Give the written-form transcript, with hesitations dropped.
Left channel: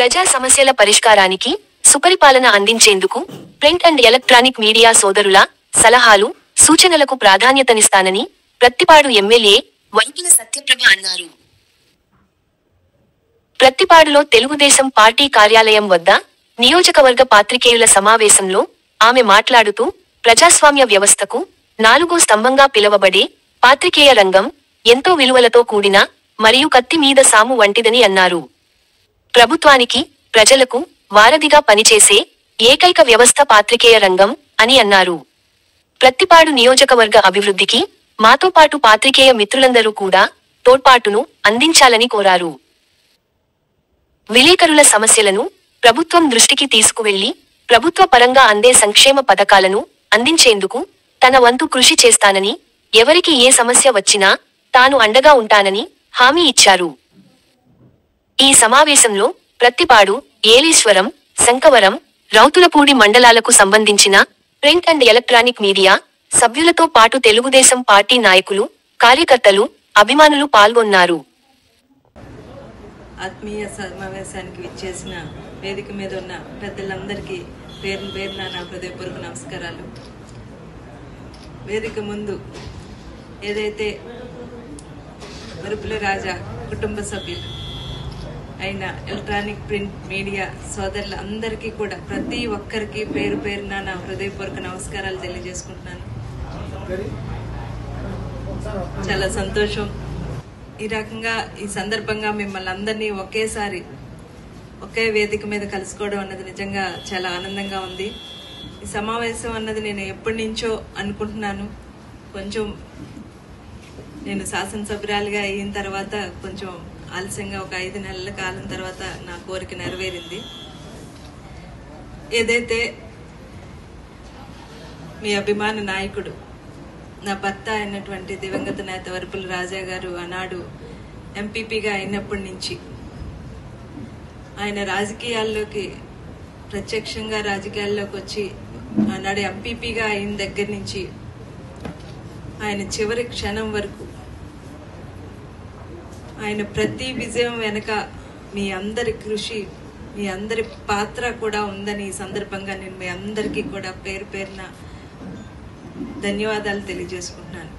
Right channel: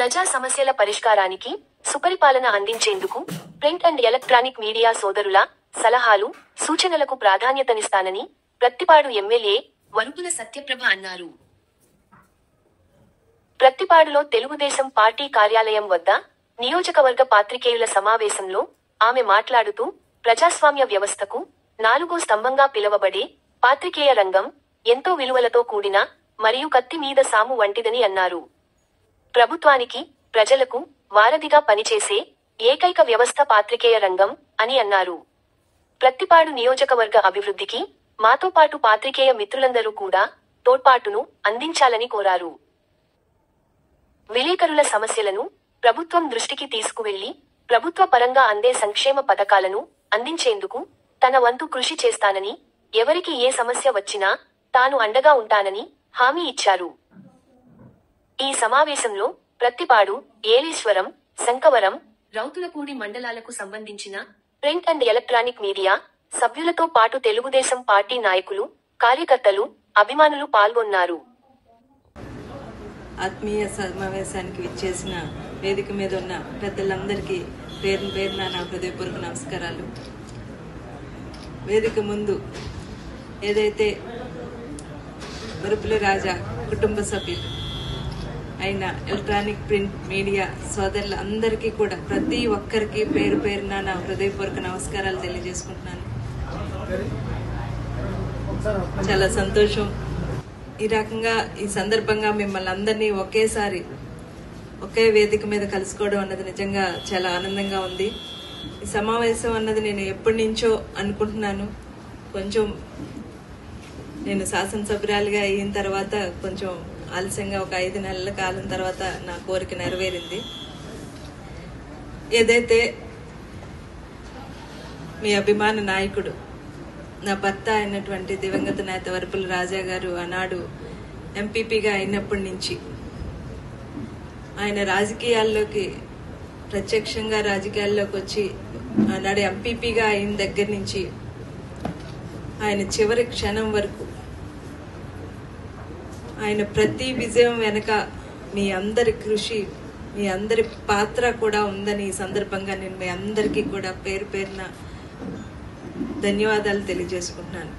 ప్రజా సమస్యల పరిష్కారానికి సుపరిపాలన అందించేందుకు ప్రింట్ అండ్ ఎలక్ట్రానిక్ మీడియా సోదరుల సలహాలు సూచనలకు ప్రాధాన్యతనిస్తానని ప్రత్తిపాడు ఎమ్మెల్యే వరుపుల సత్యప్రభ అన్నారు. ప్రత్తిపాడులో తెలుగుదేశం పార్టీ కార్యాలయం వద్ద నియోజకవర్గ పాత్రికేయుల సమావేశంలో ఆమె మాట్లాడుతూ ప్రజాస్వామ్య వ్యవస్థకు నాలుగో స్తంభంగా పిలువబడే పాత్రికేయ రంగం ఎంతో విలువలతో కూడిన మరియు కత్తి మీద సాము వంటిదని అన్నారు. ప్రభుత్వానికి ప్రజలకు వారధిగా పనిచేసే ఏకైక వ్యవస్థ పాత్రికేయ రంగం అని అన్నారు. ప్రత్తిపాడు నియోజకవర్గ అభివృద్ధికి మాతో పాటు పాత్రికేయ మిత్రులందరూ కూడా తోడ్పాటును అందించాలని కోరారు. విలేకరుల సమస్యలను ప్రభుత్వం దృష్టికి తీసుకువెళ్లి ప్రభుత్వ పరంగా అందే సంక్షేమ పథకాలను అందించేందుకు తన వంతు కృషి చేస్తానని, ఎవరికి ఏ సమస్య వచ్చినా తాను అండగా ఉంటానని హామీ ఇచ్చారు. ఈ సమావేశంలో ప్రత్తిపాడు, ఏలీశ్వరం, శంకవరం, రౌతులపూడి మండలాలకు సంబంధించిన ప్రింట్ అండ్ ఎలక్ట్రానిక్ మీడియా సభ్యులతో పాటు తెలుగుదేశం పార్టీ నాయకులు, కార్యకర్తలు, అభిమానులు పాల్గొన్నారు. ఆత్మీయ సమావేశానికి విచ్చేసిన వేదిక మీద ఉన్న పెద్దలందరికీ పేరున నా హృదయపూర్వక నమస్కారాలు. వేదిక ముందు ఏదైతే వరుపుల రాజా కుటుంబ సభ్యులు అయిన ఎలక్ట్రానిక్ ప్రింట్ మీడియా సోదరులందరికీ కూడా ప్రతి ఒక్కరికి పేరున నా హృదయపూర్వక నమస్కారాలు తెలియజేసుకుంటున్నాను. చాలా సంతోషం. ఈ రకంగా ఈ సందర్భంగా మిమ్మల్ని అందరినీ ఒకేసారి ఒకే వేదిక మీద కలుసుకోవడం అన్నది నిజంగా చాలా ఆనందంగా ఉంది. ఈ సమావేశం అన్నది నేను ఎప్పటి నుంచో అనుకుంటున్నాను. కొంచెం నేను శాసనసభ్యురాలిగా అయిన తర్వాత కొంచెం ఆలస్యంగా ఒక 5 నెలల కాలం తర్వాత నా కోరిక నెరవేరింది. ఏదైతే మీ అభిమాన నాయకుడు, నా భర్త అయినటువంటి దివంగత నేత వరుపుల రాజా గారు ఆనాడు ఎంపీపీగా అయినప్పటి నుంచి ఆయన రాజకీయాల్లోకి ప్రత్యక్షంగా రాజకీయాల్లోకి వచ్చి ఆనాడు ఎంపీపీగా అయిన దగ్గర నుంచి ఆయన చివరి క్షణం వరకు ఆయన ప్రతి విజయం వెనక మీ అందరి కృషి, మీ అందరి పాత్ర కూడా ఉందని ఈ సందర్భంగా నేను మీ అందరికీ కూడా పేరున ధన్యవాదాలు తెలియజేసుకుంటున్నాను.